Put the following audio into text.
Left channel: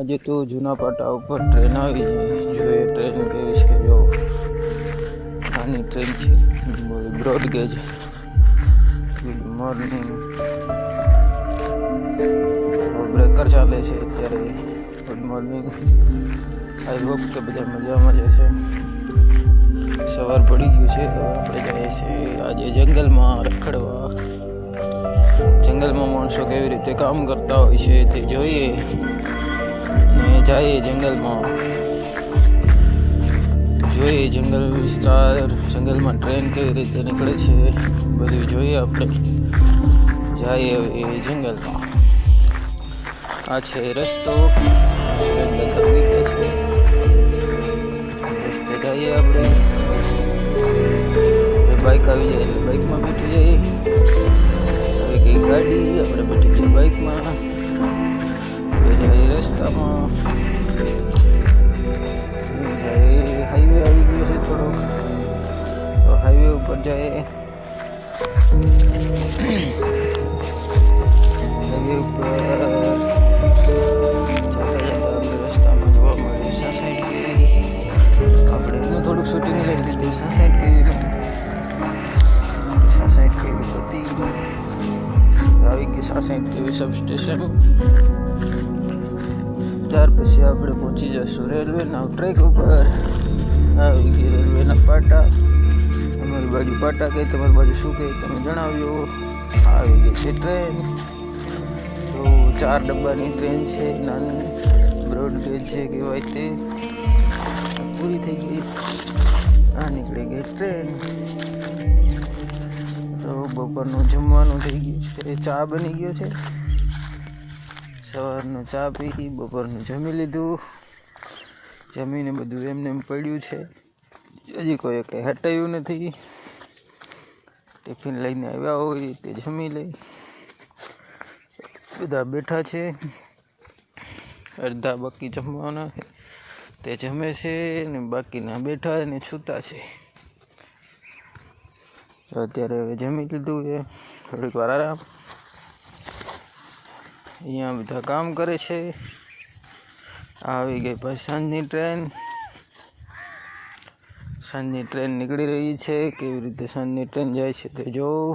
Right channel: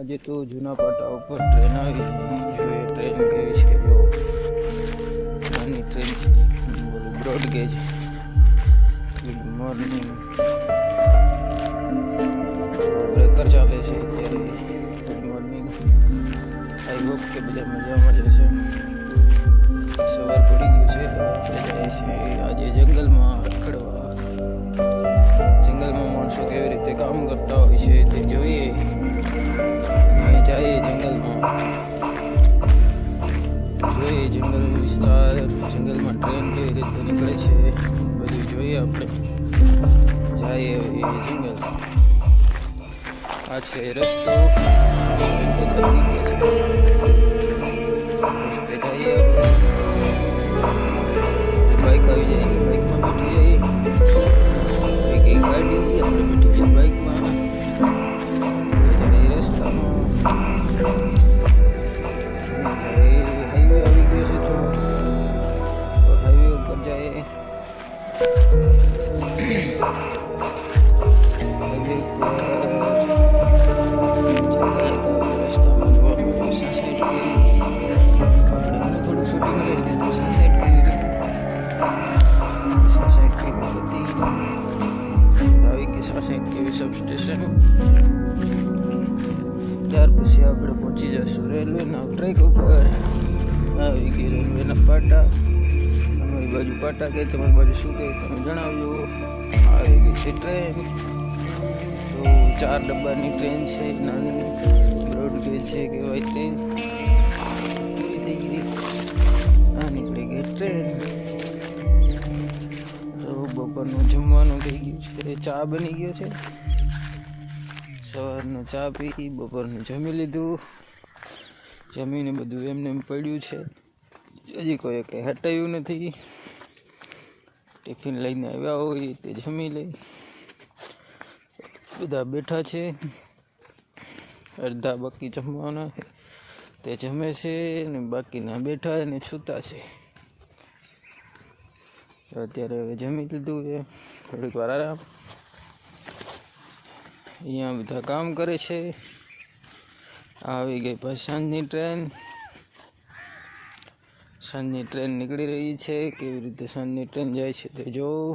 અજે તો જૂનાપાટા ઉપર ટ્રેન આવી છે આ ટ્રેન કે ઇસકે જો અનંત છે બોલે બ્રોડગેસ્ટ ગુડ મોર્નિંગ આપણે કર ચાલે છે એટલે તો ગુડ મોર્નિંગ આ બુક કેવી રીતે મળ્યા મને સવાર પડી ગયો છે આપણે ગયા છે આજે જંગલ માં ખડવા જંગલ માં માણસો કેવી રીતે કામ કરતા છે તે જોઈએ जय जंगल माँ जो जंगल विस्तार जंगल में ट्रेन कई रीते निकले से बढ़ जंगल बाइक आई बैठी गई गाड़ी अपने बैठी जाए बाइक में system of हाईवे अभी गए थे छोड़ो तो हाईवे ऊपर जाए हाईवे ऊपर રસ્તા માં જોવા મળ્યું સાસાઈડ કેવી આપણે એનું થોડુંક શૂટિંગ કરી દીધું સાસાઈડ કેવી સાસાઈડ કેવી હતી આવી ગઈ સાસાઈડ કેવી સબસ્ટેશન ત્યાર પછી આપણે પહોંચી જઈશું રેલવેના ટ્રેક ઉપર આવી ગઈ રેલવેના પાટા અમારી બાજુ પાટા કહે તમારી બાજુ શું કહે તમે જણાવ્યો આવી ગઈ છે ટ્રેન તો ચાર ડબ્બાની ટ્રેન છે નાની બ્રોડગેજ છે કહેવાય તે પૂરી થઈ ગઈ આ નીકળી ગઈ ટ્રેન તો બપોરનું જમવાનું થઈ ગયું તે ચા બની ગયો છે સવારનું ચા પી બપોરનું જમી લીધું જમીને બધું એમને એમ પડ્યું છે હજી કોઈ કંઈ હટાયું નથી ટિફિન લઈને આવ્યા હોય તે જમી લઈ બધા બેઠા છે અડધા બાકી જમવાના છે તે જમે છે ને બાકીના બેઠા અને છૂતા છે અત્યારે હવે જમી લીધું છે થોડીક વાર આરામ અહીંયા બધા કામ કરે છે આવી ગઈ ભાઈ સાંજની ટ્રેન સાંજની ટ્રેન નીકળી રહી છે કેવી રીતે સાંજની ટ્રેન જાય છે તે જોઉં